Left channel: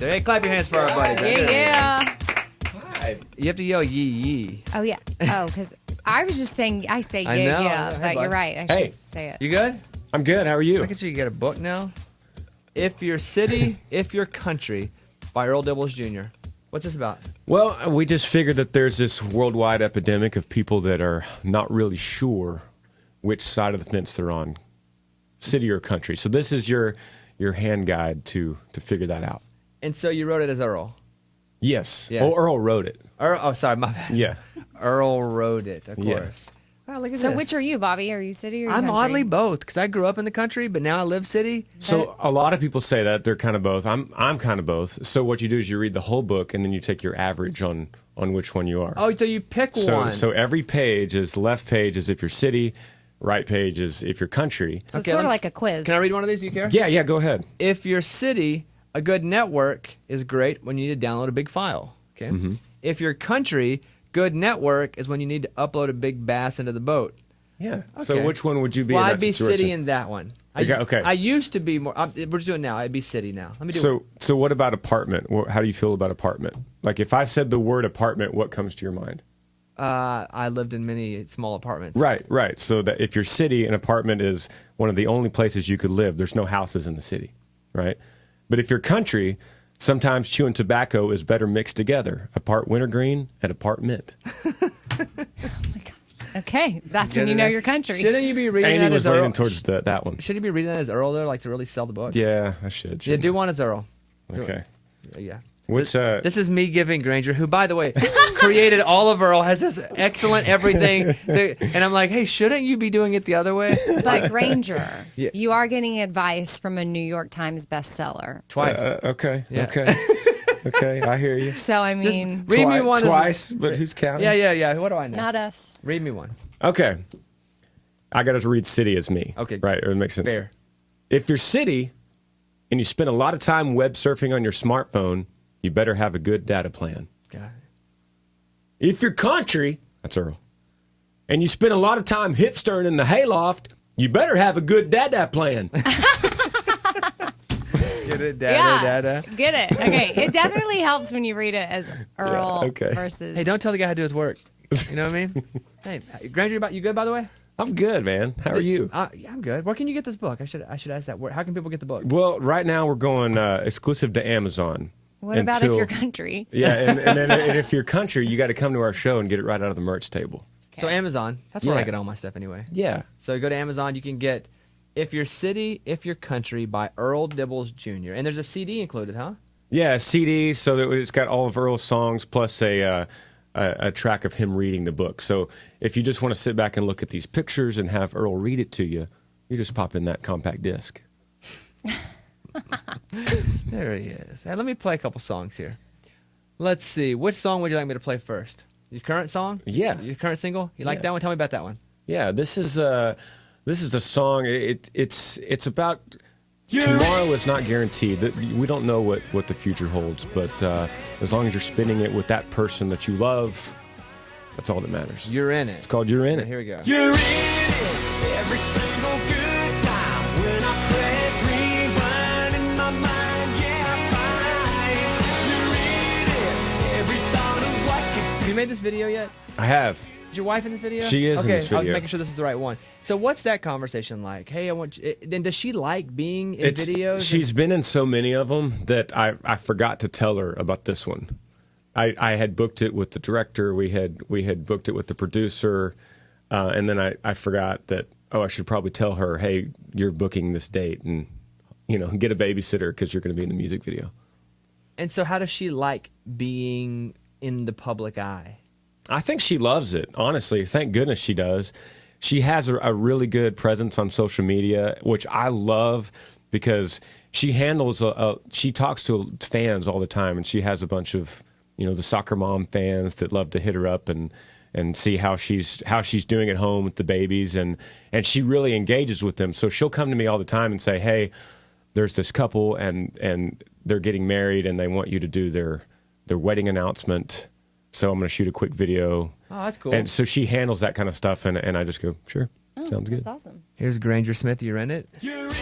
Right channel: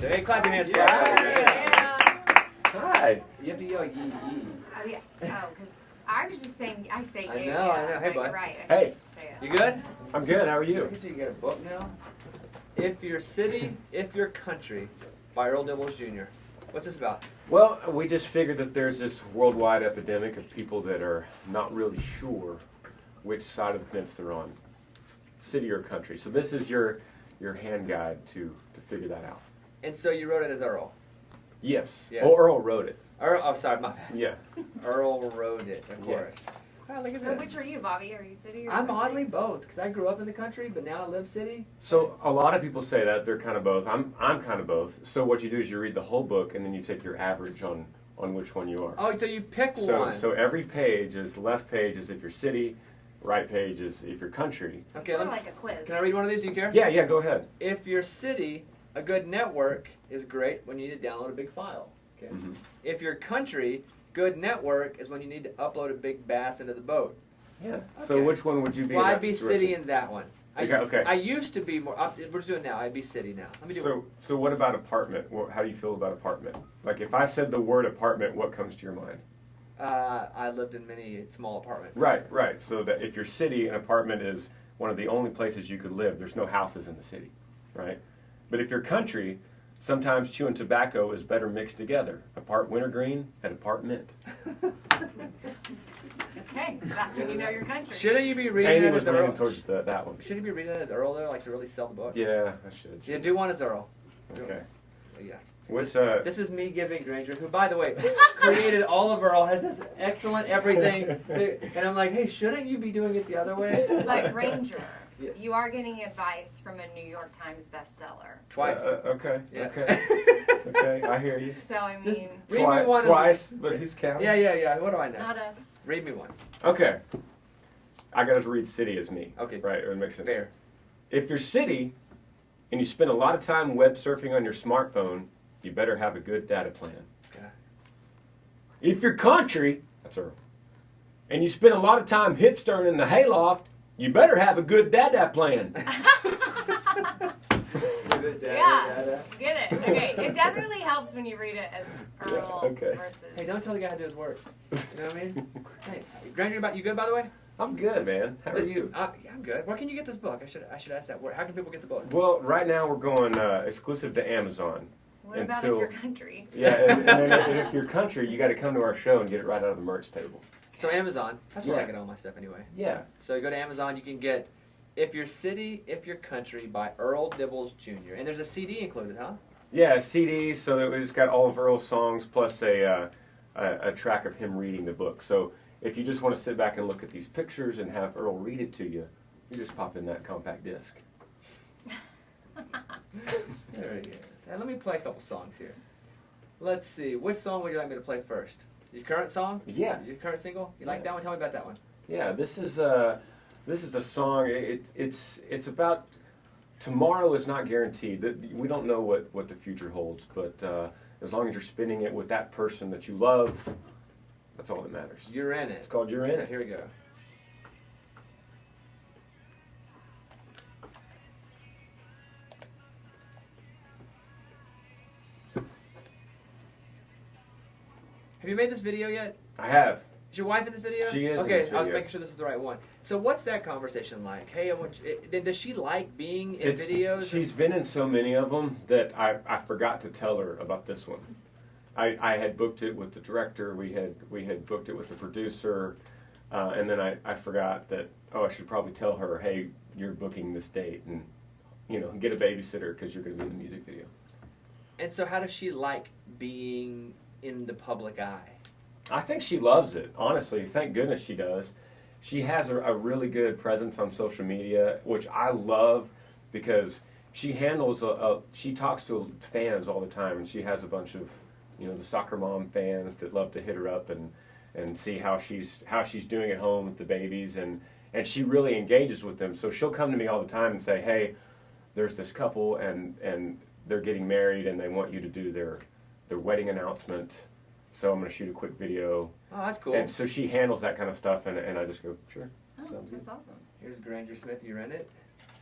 right there. Hey, clap your hands for our buddy. Yeah. Hi. You have to yell yee yee. Oh, yeah. Oh, because I was just saying, I say yeah, I know. yeah. Hey, But bud. you're right. I Hey. should say it. You good? I'm good. How are you? I can see you got a book now. If Your City, If Your Country by Earl Dibbles Jr. What's this about? Well, we just figured that there's this worldwide epidemic of people that are not really sure which side of the fence they're on, city or country. So this is your hand guide to figure that out. And so you wrote it as Earl. Yes. Yeah. Oh, Earl wrote it. Oh, sorry, my bad. Yeah. Earl wrote it, of Yeah. course. Wow, look at So this. which are you, Bobby? Are you city or I'm country? oddly both, because I grew up in the country, but now I live city. So a lot of people say that they're kind of both. I'm kind of both. So what you do is you read the whole book and then you take your average on which one you are. Oh, so you pick one. So every page is left page is if you're city, right page is if you're country. So Okay, it's sort of let- like a quiz. Can I read one of these? Do you care? Yeah, go ahead. If your city, a good network is great when you need to download a big file. Okay. Mm-hmm. If your country, good network is when you need to upload a big bass into the boat. Yeah. So Okay. which one would you be Well, in I'd that be situation? city in that one. Okay. I used to be more. We're just doing it now. I'd be city now. Let me do. So what about apartment? How do you feel about apartment? Like if I said the word apartment, what comes to your mind? I lived in many small apartments. Right. So that if you're city, an apartment is one of the only places you could live. There's no houses in the city, right? But if you're country, sometimes chewing tobacco is better mixed together. Apart wintergreen and apart mint. Okay, that's when you know your country. Shouldn't you be reading Andy that was as Earl? leaning towards that one. Should you be reading that as Earl there, like to really sell the book? Yeah, I should. Yeah, shouldn't do I? one as Earl. Okay. Yeah. Which This is me giving Granger, who, by the way, created all of Earl, has this excellent everything. And I'm like, hey, shouldn't you be doing it the other way? But Granger, Yeah. you are getting advice from a New York Times bestseller. Twice. okay. Yeah. Okay, I hear you. So, I Just mean, read me one. Twice, but who's counting? Yeah. What do I know? not us. Read me one. Okay. I got to read city as me. Okay. Right, it makes sense. Fair. If you're city and you spend a lot of time web surfing on your smartphone, you better have a good data plan. Got it. If you're country, that's Earl, and you spend a lot of time hipstering in the hayloft, you better have a good data plan. Get it, Yeah. dada. Get it. Okay, it definitely helps when you read it as Earl okay. versus. Hey, don't tell the guy how to do his work. You know what I mean? Hey, Granger, you good, by the way? I'm good, man. How are you? Yeah, I'm good. Where can you get this book? I should ask that. How can people get the book? Well, right now we're going exclusive to Amazon. What about if you're country? Yeah, and if you're country, you got to come to our show and get it right out of the merch table. So Amazon, that's where Yeah. I get all my stuff anyway. Yeah. So you go to Amazon, you can get If Your City, If Your Country by Earl Dibbles Jr. And there's a CD included, huh? Yeah, CD. So it's got all of Earl's songs plus a track of him reading the book. So if you just want to sit back and look at these pictures and have Earl read it to you, you just pop in that compact disc. There he is. Hey, let me play a couple songs here. Let's see. Which song would you like me to play first? Your current song? Yeah. Your current single? You like Yeah. that one? Tell me about that one. Yeah, this is a song. It's about tomorrow is not guaranteed. That we don't know what the future holds, but as long as you're spending it with that person that you love, that's all that matters. You're in it. It's called You're In It. Here we go. You're in it every single good time. When I press rewind in my mind, yeah, I find you're in it. Every thought of what could Have you made this video yet? I have. Is your wife in this video? She is in okay, this I was video. making sure this is the right one. So what's that conversation like? Hey, I want you, then does she like being in videos? She's been in so many of them that I forgot to tell her about this one. I had booked it with the director. We had booked it with the producer, and then I forgot that. Oh, I should probably tell her, hey, you're booking this date, and get a babysitter because you're going to be in the music video. And so how does she like being in the public eye? I think she loves it, honestly. Thank goodness she does. She has a really good presence on social media, which I love because she handles she talks to fans all the time, and she has a bunch of the soccer mom fans that love to hit her up and see how she's doing at home with the babies, and she really engages with them. So she'll come to me all the time and say, hey, there's this couple and they're getting married and they want you to do their wedding announcement. So I'm going to shoot a quick video. Oh, that's cool. And so she handles that kind of stuff, and I just go, sure, sounds good. That's awesome. Here's Granger Smith. You're in it. you're in it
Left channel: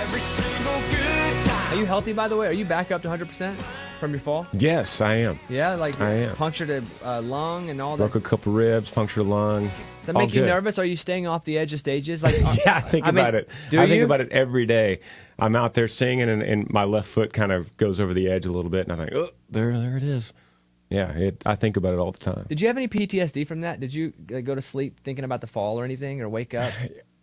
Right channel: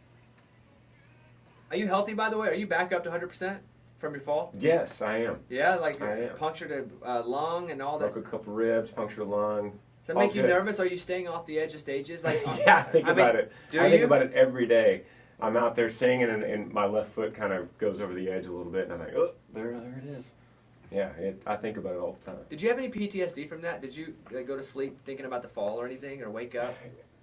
every single good time. Are you healthy, by the way? Are you back up to 100% from your fall? Yes, I am. Yeah, like I am. punctured a lung and all that. Broke a couple ribs, punctured a lung. Does that all make you good. nervous? Are you staying off the edge of stages? Like, Yeah, I think about it. I think you? about it every day. I'm out there singing, and my left foot kind of goes over the edge a little bit, and I think, oh, there it is. Yeah, I think about it all the time. Did you have any PTSD from that? Did you go to sleep thinking about the fall or anything, or wake up?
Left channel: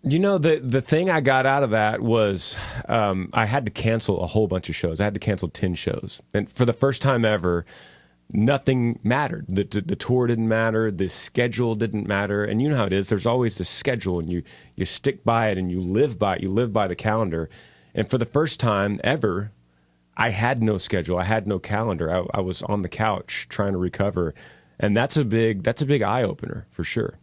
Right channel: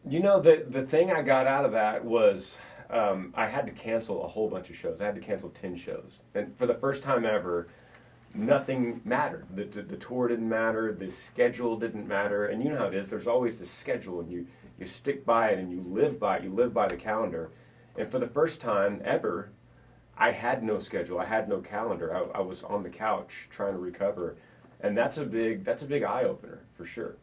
You know, the thing I got out of that was I had to cancel a whole bunch of shows. I had to cancel 10 shows. And for the first time ever, nothing mattered. The tour didn't matter. The schedule didn't matter. And you know how it is. There's always the schedule, and you stick by it, and you live by it. You live by the calendar. And for the first time ever, I had no schedule. I had no calendar. I was on the couch trying to recover. And that's a big eye-opener, for sure.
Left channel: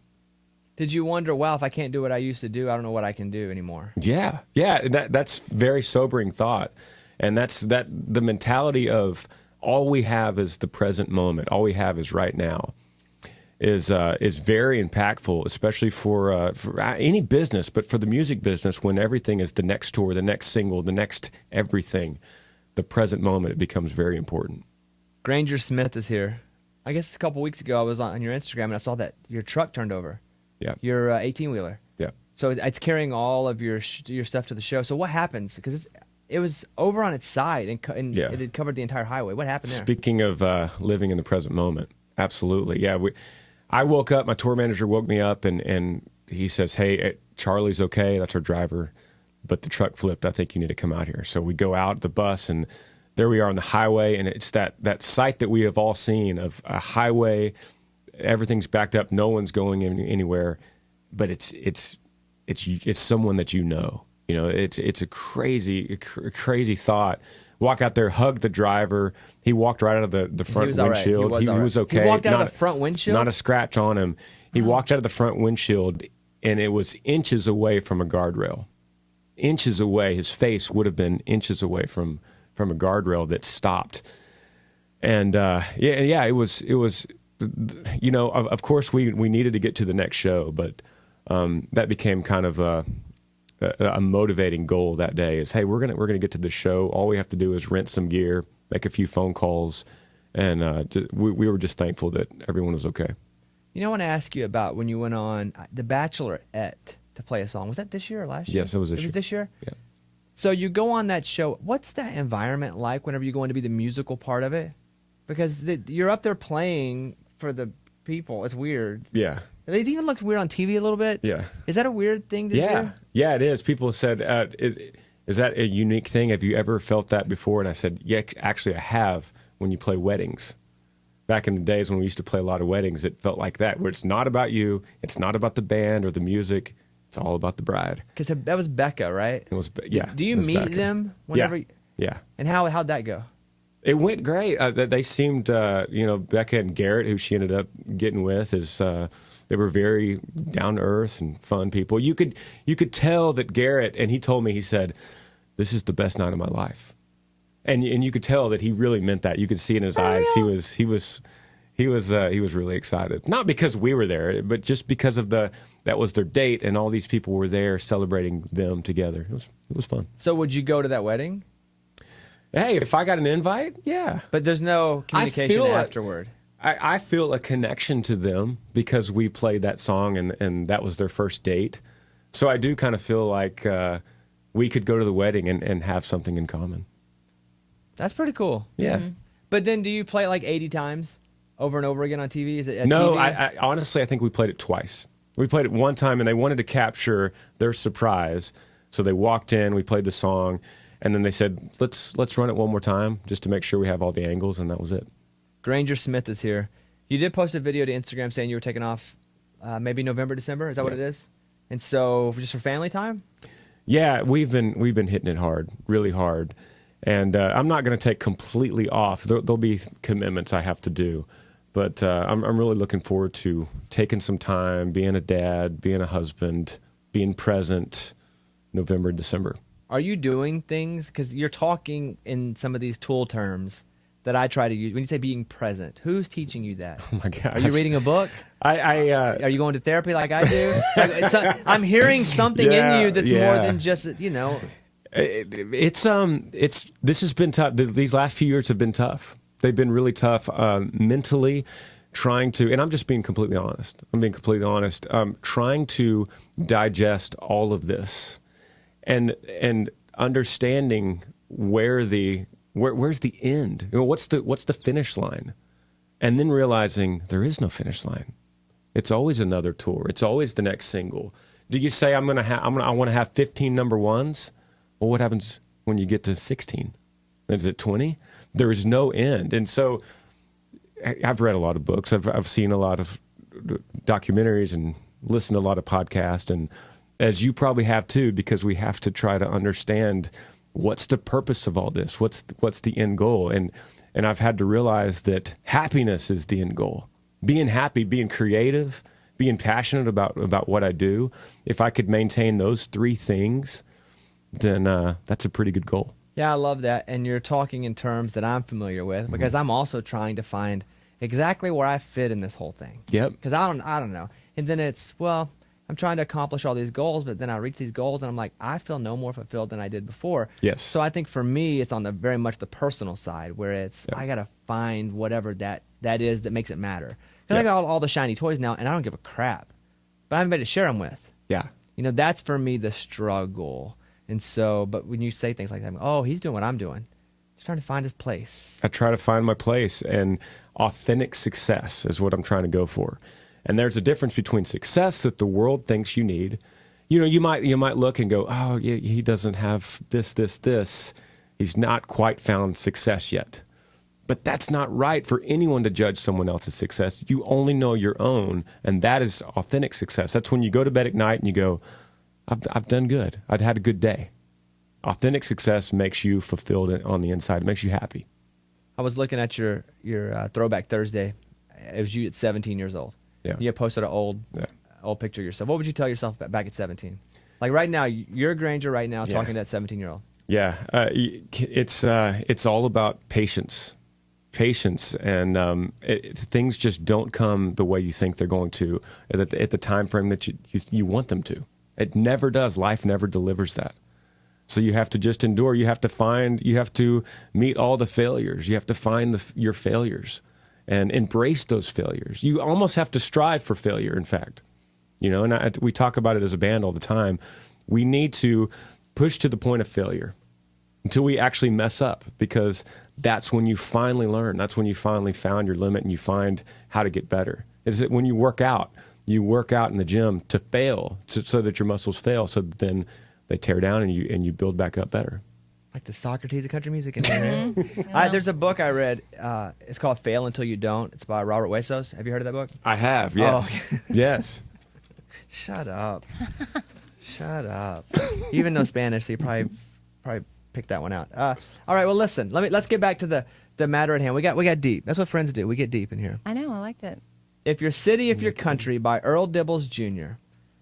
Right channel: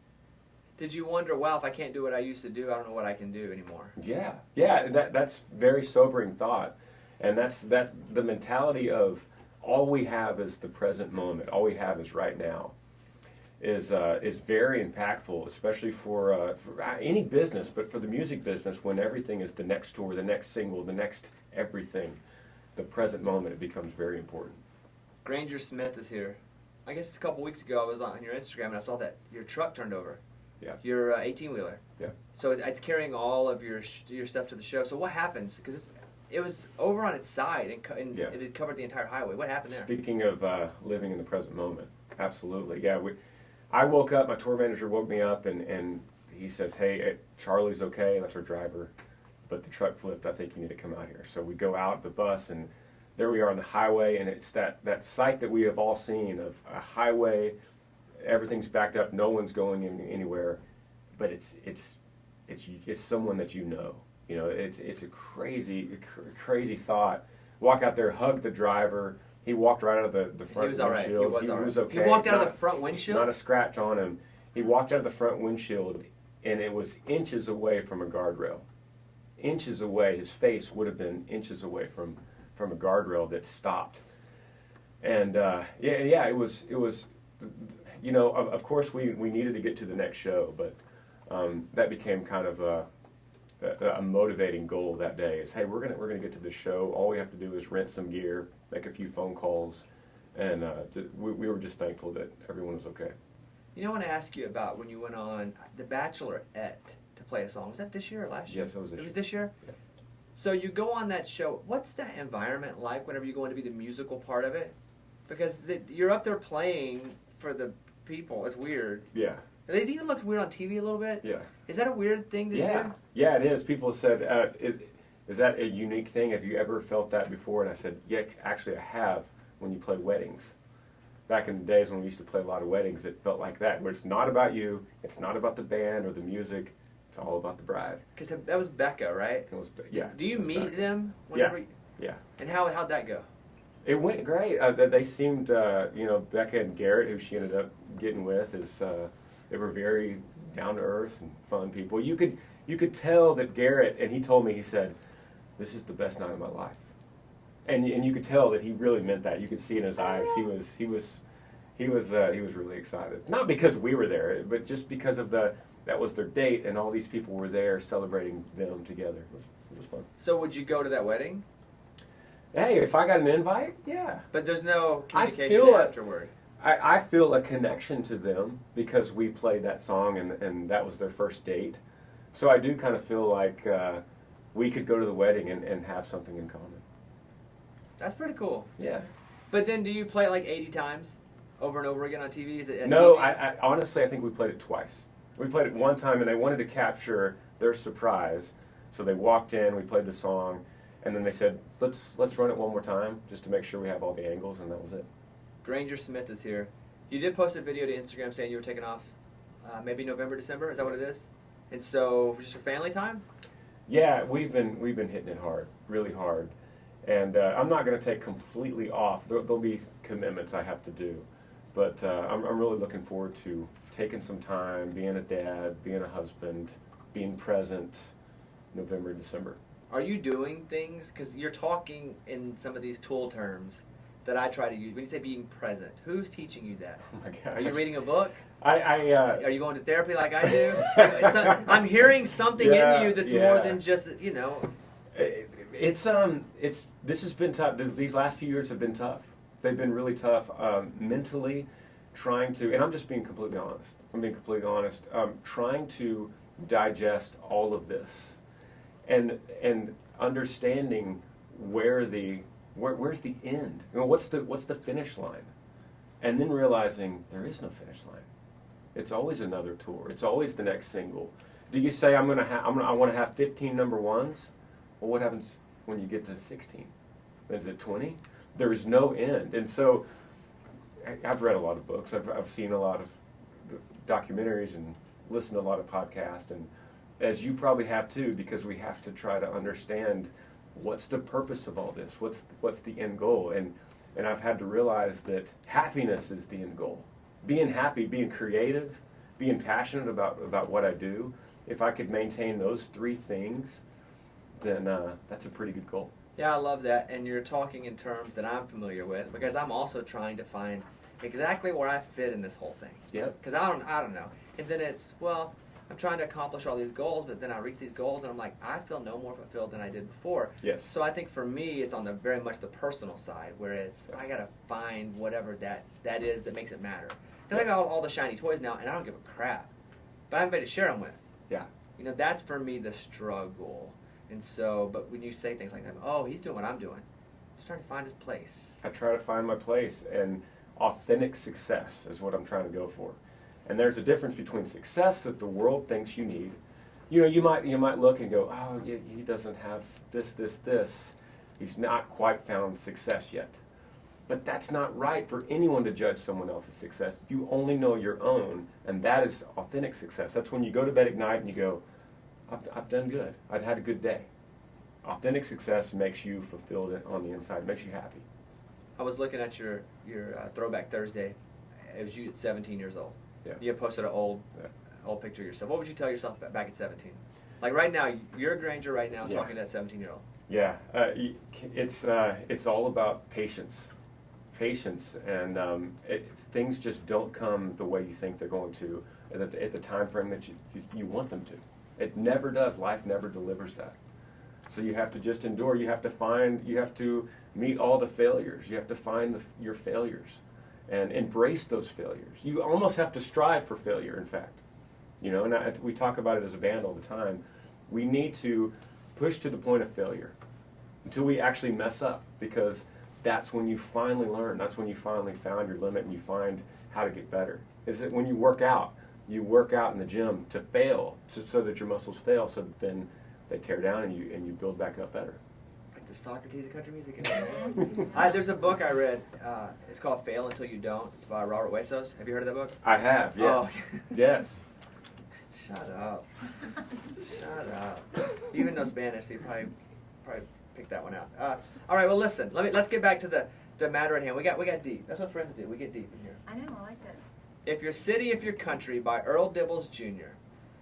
Did you wonder, wow, if I can't do what I used to do, I don't know what I can do anymore? Yeah. That's very sobering thought, and that's the mentality of all we have is the present moment. All we have is right now. Is very impactful, especially for any business, but for the music business, when everything is the next tour, the next single, the next everything. The present moment, it becomes very important. Granger Smith is here. I guess a couple weeks ago, I was on your Instagram and I saw that your truck turned over. Yeah. Your 18-wheeler. Yeah. So it's carrying all of your stuff to the show. So what happens? Because it was over on its side and Yeah. it had covered the entire highway. What happened there? Speaking of living in the present moment, absolutely. Yeah. I woke up, my tour manager woke me up, and he says, hey, Charlie's okay. That's our driver. But the truck flipped. I think you need to come out here. So we go out the bus, and there we are on the highway, and it's that sight that we have all seen of a highway. Everything's backed up. No one's going anywhere, but it's someone that you know. You know, it's a crazy thought. Walk out there, hug the driver. He walked right out of the front windshield. Right. He was okay. He walked out of the front windshield? Not a scratch on him. He walked out of the front windshield, and it was inches away from a guardrail. Inches away. His face would have been inches away from a guardrail that stopped. And it was. You know, of course, we needed to get to the next show, but that became kind of a motivating goal that day. Is, hey, we're gonna get to the show. All we have to do is rent some gear, make a few phone calls, and we were just thankful that everyone was okay. You know, I want to ask you about when you went on The Bachelorette to play a song. Was that this year or last year? Yes, it was this year. It was this year? Yeah. So you go on that show. What's that environment like whenever you go in to be the musical part of it? Because you're up there playing for the people. It's weird. Yeah. They even look weird on TV a little bit. Yeah. Is that a weird thing to do? Yeah, it is. People said, is that a unique thing? Have you ever felt that before? And I said, yeah, actually I have when you play weddings. Back in the days when we used to play a lot of weddings, it felt like that, where it's not about you, it's not about the band or the music, it's all about the bride. Because that was Becca, right? It was, yeah. Do you meet Becca. them whenever? Yeah. And how'd that go? It went great. They seemed, Becca and Garrett, who she ended up getting with, they were very down to earth and fun people. You could tell that Garrett, and he told me, he said, "This is the best night of my life," and you could tell that he really meant that. You could see in his eyes he was really excited. Not because we were there, but just because of that was their date, and all these people were there celebrating them together. It was fun. So would you go to that wedding? Hey, if I got an invite, yeah. But there's no communication feel afterward. I feel a connection to them because we played that song and that was their first date. So I do kind of feel like we could go to the wedding and have something in common. That's pretty cool. Yeah. Mm-hmm. But then do you play it like 80 times over and over again on TV? Is it at No, TV? I honestly, I think we played it twice. We played it one time and they wanted to capture their surprise. So they walked in, we played the song, and then they said, let's run it one more time just to make sure we have all the angles, and that was it. Granger Smith is here. You did post a video to Instagram saying you were taking off maybe November, December. Is that what it is? And so just for family time? Yeah, we've been hitting it hard, really hard. And I'm not going to take completely off. There'll be commitments I have to do. But I'm really looking forward to taking some time, being a dad, being a husband, being present November, December. Are you doing things? Because you're talking in some of these tool terms that I try to use. When you say being present, who's teaching you that? Oh my gosh. Are you reading a book? Are you going to therapy like I do? I'm hearing something in you that's more than just, This has been tough. These last few years have been tough. They've been really tough mentally, trying to, and I'm just being completely honest. Trying to digest all of this, and understanding where's the end. What's the finish line, and then realizing there is no finish line. It's always another tour. It's always the next single. Do you say I want to have 15 number ones? Well, what happens when you get to 16? Is it 20? There is no end. And so I've read a lot of books. I've seen a lot of documentaries and listened to a lot of podcasts, and as you probably have too, because we have to try to understand what's the purpose of all this. What's the end goal? And I've had to realize that happiness is the end goal. Being happy, being creative, being passionate about what I do. If I could maintain those three things, then that's a pretty good goal. Yeah, I love that. And you're talking in terms that I'm familiar with, because I'm also trying to find exactly where I fit in this whole thing. Yep. Because I don't know. And then it's, well, I'm trying to accomplish all these goals, but then I reach these goals and I'm like, I feel no more fulfilled than I did before. Yes. So I think for me, it's on the very much the personal side, where it's, I got to find whatever that is that makes it matter. Because I got all the shiny toys now, and I don't give a crap. But I have anybody to share them with. Yeah. That's for me the struggle. And so, but when you say things like that, oh, he's doing what I'm doing. He's trying to find his place. I try to find my place, and authentic success is what I'm trying to go for. And there's a difference between success that the world thinks you need. You might look and go, oh, he doesn't have this. He's not quite found success yet. But that's not right for anyone to judge someone else's success. You only know your own, and that is authentic success. That's when you go to bed at night and you go, I've done good. I've had a good day. Authentic success makes you fulfilled on the inside. It makes you happy. I was looking at your Throwback Thursday. It was you at 17 years old. Yeah. You had posted an old picture of yourself. What would you tell yourself back at 17? Like right now, you're Granger right now talking to that 17-year-old. Yeah. It's all about patience. And things just don't come the way you think they're going to at the time frame that you want them to. It never does. Life never delivers that. So you have to just endure. You have to meet all the failures. You have to find your failures and embrace those failures. You almost have to strive for failure, in fact. And we talk about it as a band all the time. We need to push to the point of failure until we actually mess up, because that's when you finally learn. That's when you finally found your limit and you find how to get better. Is it when you work out in the gym to fail, so that your muscles fail, so that then they tear down and you build back up better. Like the Socrates of country music in there. There's a book I read. It's called Fail Until You Don't. It's by Robert Huesos. Have you heard of that book? I have, yes. Oh. Yes. Shut up. Shut up. You even know Spanish, so you probably picked that one out. All right, well, listen. Let's get back to the matter at hand. We got deep. That's what friends do. We get deep in here. I know. I liked it. If Your City, If Your Country by Earl Dibbles Jr.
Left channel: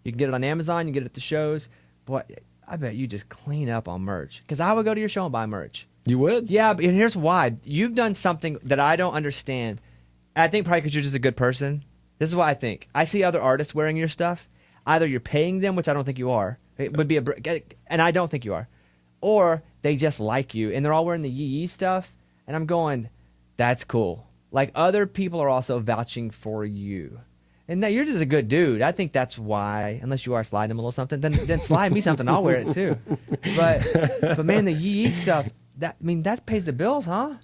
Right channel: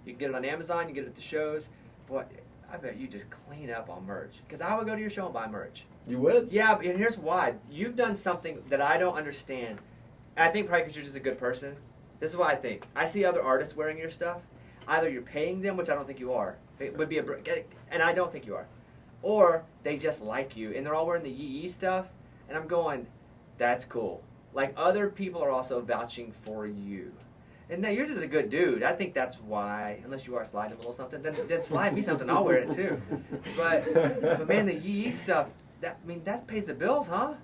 You can get it on Amazon. You can get it at the shows. Boy, I bet you just clean up on merch. Because I would go to your show and buy merch. You would? Yeah, and here's why. You've done something that I don't understand. I think probably because you're just a good person. This is what I think. I see other artists wearing your stuff. Either you're paying them, which I don't think you are. It would be and I don't think you are. Or they just like you, and they're all wearing the yee stuff. And I'm going, that's cool. Like, other people are also vouching for you. And now you're just a good dude. I think that's why, unless you are sliding them a little something, then slide me something. I'll wear it too. But man, the yee stuff, that pays the bills, huh?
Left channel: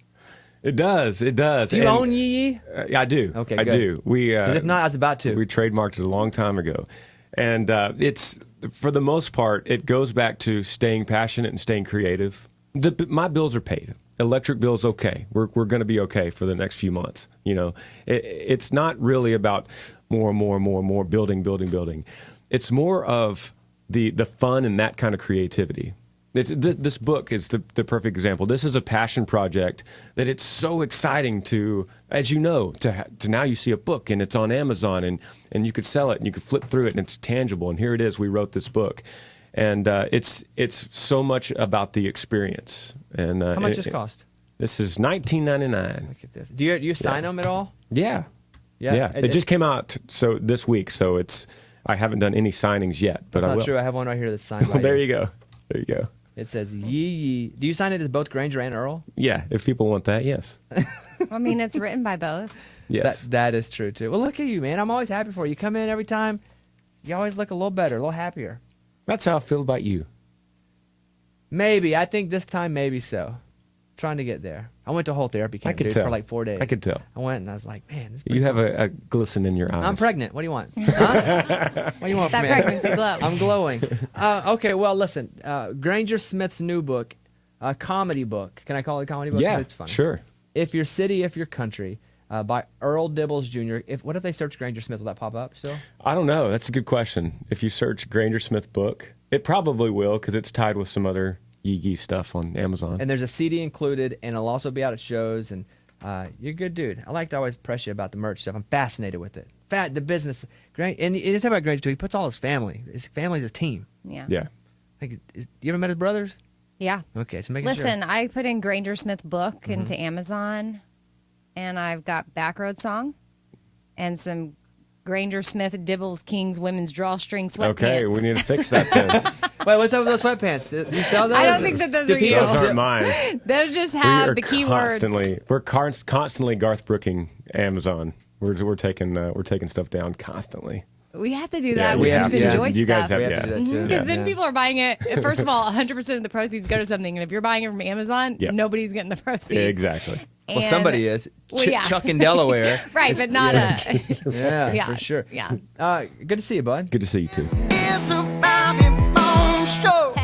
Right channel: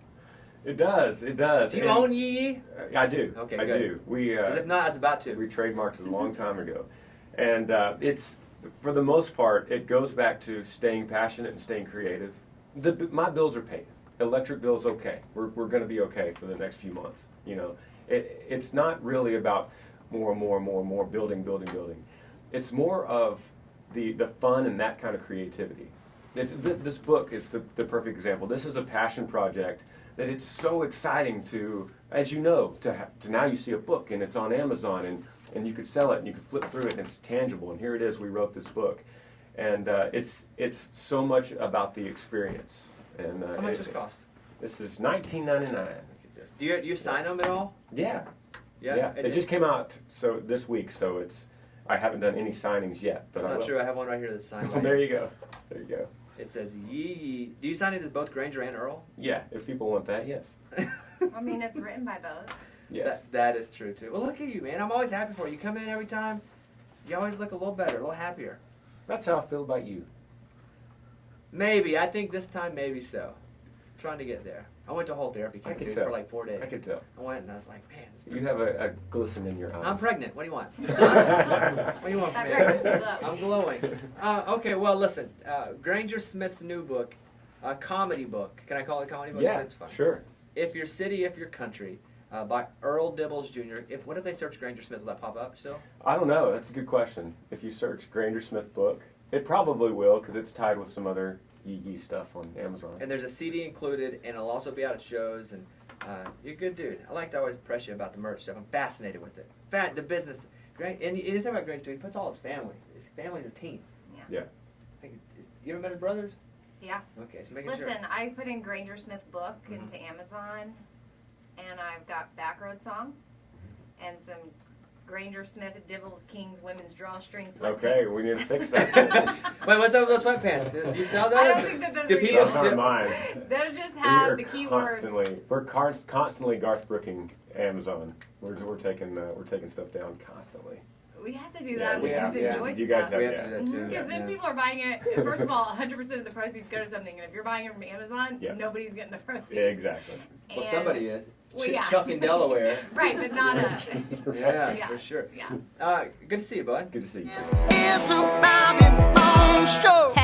It does. Do you own yee? Yeah, I do. Okay, I good. do. Because if not, I was about to. We trademarked it a long time ago. And it's, for the most part, it goes back to staying passionate and staying creative. My bills are paid. Electric bill's okay. We're going to be okay for the next few months. It's not really about more building. It's more of the fun and that kind of creativity. This book is the perfect example. This is a passion project that it's so exciting to, as you know, to now you see a book and it's on Amazon and you could sell it and you could flip through it and it's tangible. And here it is. We wrote this book, and it's so much about the experience. And how much does it cost? This is $19.99. Look at this. Do you sign them at all? Yeah. Yeah. It just came out this week, so I haven't done any signings yet, but That's I will. not true. I have one right here that's signed. Well, there you go. It says Yee. Do you sign it as both Granger and Earl? Yeah, if people want that, yes. I mean, it's written by both. Yes. That is true too. Well, look at you, man. I'm always happy for you. You come in every time. You always look a little better, a little happier. That's how I feel about you. Maybe. I think this time, maybe so. Trying to get there. I went to a whole therapy camp, could dude, tell. for like 4 days. I could tell. I went and I was like, man, this is You have a glisten in your eyes. I'm pregnant. What do you want? Huh? What do you want from That me? pregnancy glow. I'm glowing. Okay, well, listen. Granger Smith's new book, a comedy book. Can I call it a comedy book? 'Cause Yeah, it's fun. sure. If Your City, If Your Country, by Earl Dibbles Jr. What if they search Granger Smith? Will that pop up still? I don't know. That's a good question. If you search Granger Smith book, it probably will because it's tied with some other Yee stuff on Amazon. And there's a CD included, and it'll also be out at shows. And you're a good dude. I like to always press you about the merch stuff. I'm fascinated with it. The business. Great. And you talk about Granger too. He puts all his family. His family's his team. Yeah. Yeah. Like, you ever met his brothers? Yeah. Okay, so make Listen, sure. I put in Granger Smith book into Amazon, and I've got Backroad Song and some Granger Smith Dibbles Kings women's drawstring sweatpants. Okay, we need to fix that then. Wait, what's up with those sweatpants? Do you sell those? I don't think that those Do are people yours. Those aren't still- mine. Those just We have are the keywords. constantly Garth Brooking Amazon. We're taking stuff down constantly. We have to do Yeah, that. we We have have to. enjoy You stuff. guys have We have to do that too. Because then Yeah. people are buying it. First of all, 100% of the proceeds go to something, and if you're buying it from Amazon, Yeah. nobody's getting the proceeds. Yeah, exactly. Well, And- somebody is. Well, yeah. Chuck in Delaware. Right, but not a. Yeah, Yeah. for sure. Yeah. Good to see you, bud. Good to see you too. It's a Bobby Bones show.